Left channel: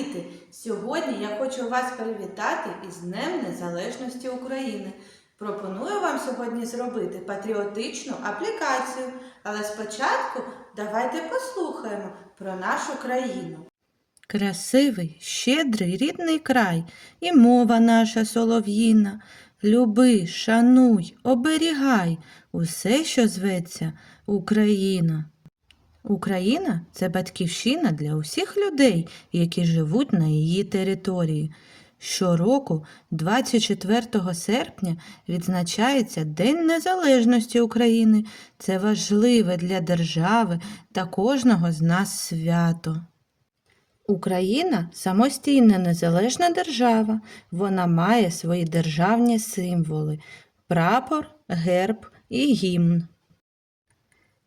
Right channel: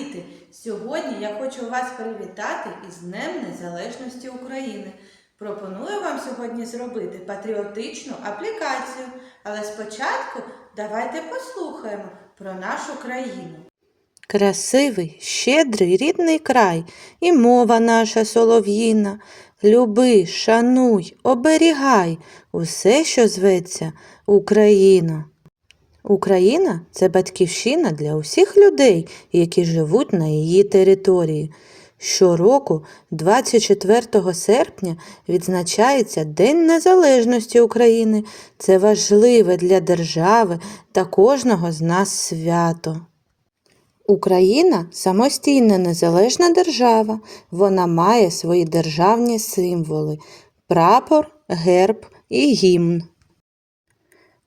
діти! Сьогодні я хочу вас привітати із Днем Незалежності України. Пропоную вам сьогодні зробити патріотичну аплікацію, але спочатку давайте послухаємо про нашу країну. Красивий, щедрий рідний край, і мова наша солов'їна. Люби, шануй, оберігай усе, що зветься Україна. Україна це батьківщина для усіх людей, які живуть на її території. Щороку, 24 серпня, відзначається День Незалежності України. Це важливе для держави та кожного з нас свято. Україна самостійна незалежна держава. Вона має свої державні символи прапор, герб і гімн.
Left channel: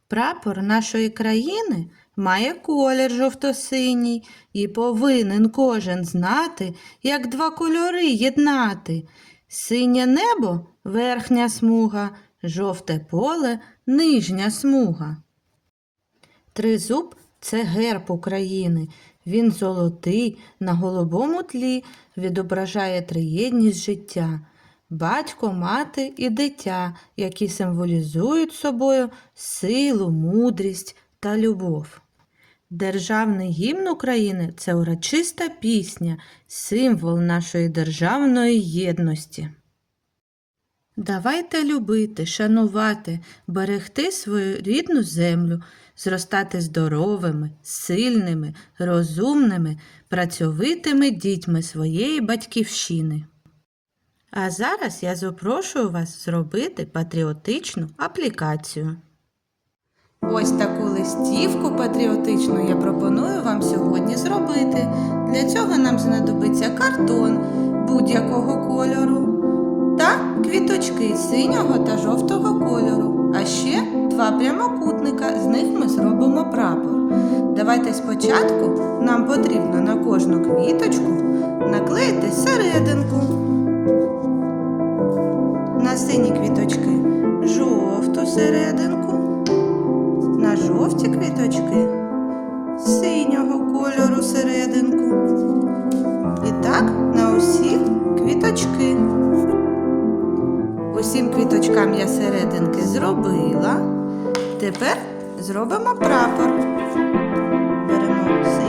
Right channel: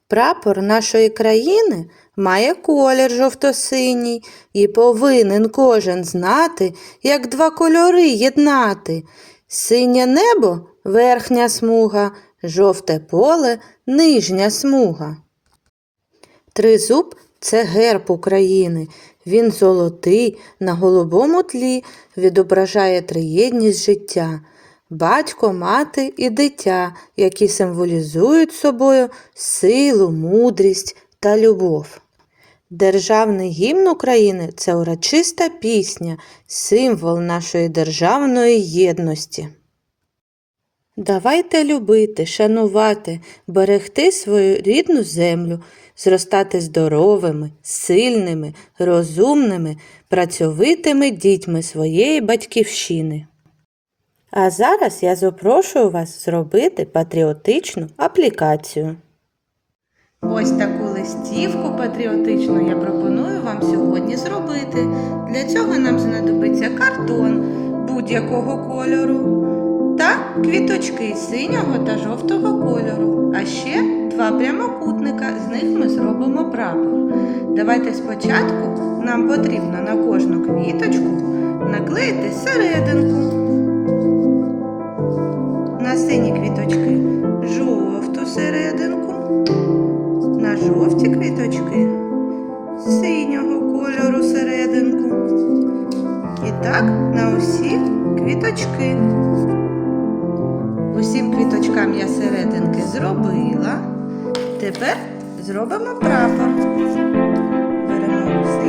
Прапор нашої країни має колір жовто-синій і повинен кожен знати, як два кольори єднати. Синє небо верхня смуга, жовте поле нижня смуга. Тризуб це герб України. Він золотий на голубому тлі відображає триєдність життя. Батько, мати і дитя, які символізують собою силу, мудрість та любов. Державний гімн України це урочиста пісня, символ нашої державної єдності. Давайте любити, шанувати, берегти свою рідну землю, зростати здоровими, сильними, розумними, працьовитими дітьми своєї батьківщини. А зараз я запрошую вас зробити патріотичну аплікацію. Ось таку листівку патріотичну я пропоную вам сьогодні зробити. Для цього нам знадобиться картон будь-якого кольору та квіточки синього та жовтого кольору, а ще два прямокутника, з них ми зробимо прапор. Давайте спочатку нам потрібно на кожну квіточку наклеїти серединку. Квіточки. Усім квіточкам я серединки зробила. Тепер зробимо прапор. Беремо синього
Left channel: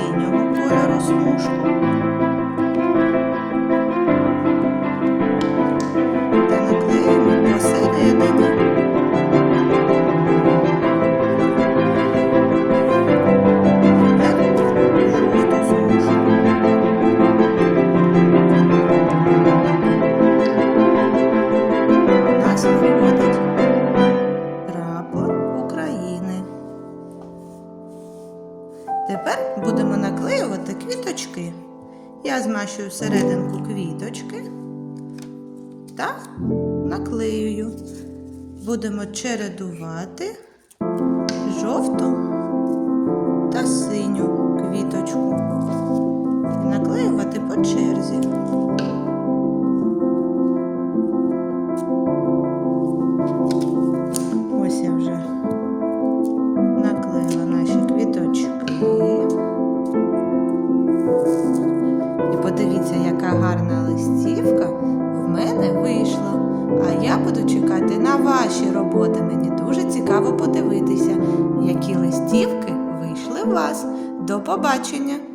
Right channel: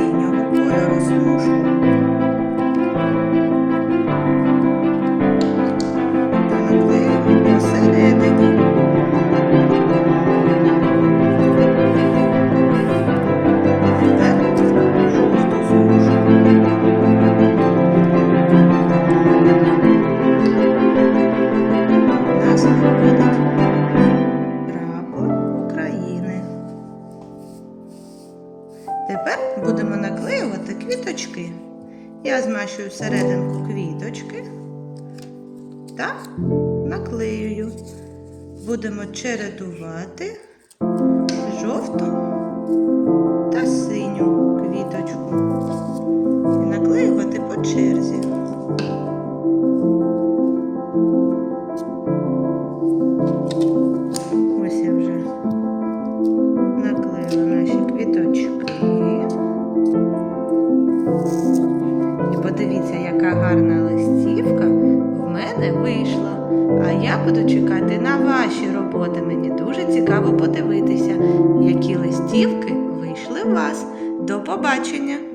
Тепер будемо наклеювати квіточки. Я змащую серединку квіточки та наклеюю. Будемо чередувати жовту та синю І подивіться, яка гарна листівка в мене вийшла. А я буду чекати на ваші роботи. Мені дуже цікаво подивитися, які листівки вийшли у вас. До побачення!